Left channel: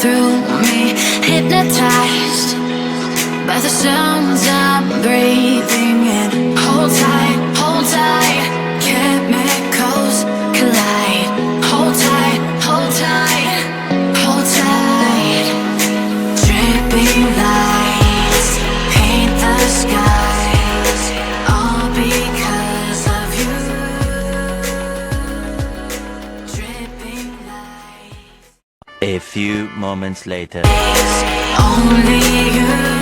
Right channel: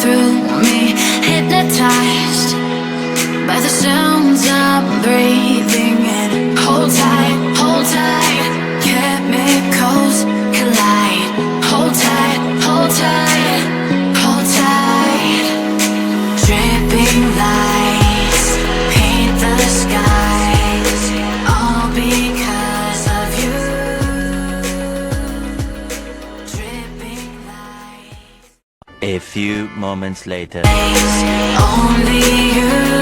through me, hypnotized by the sounds I'm breathing in. Hold tight, chemicals collide. Hold tight, hold tight, hold tight. Dripping lights paint the skies, all because of you. Dripping lights. A few moments later. Only you.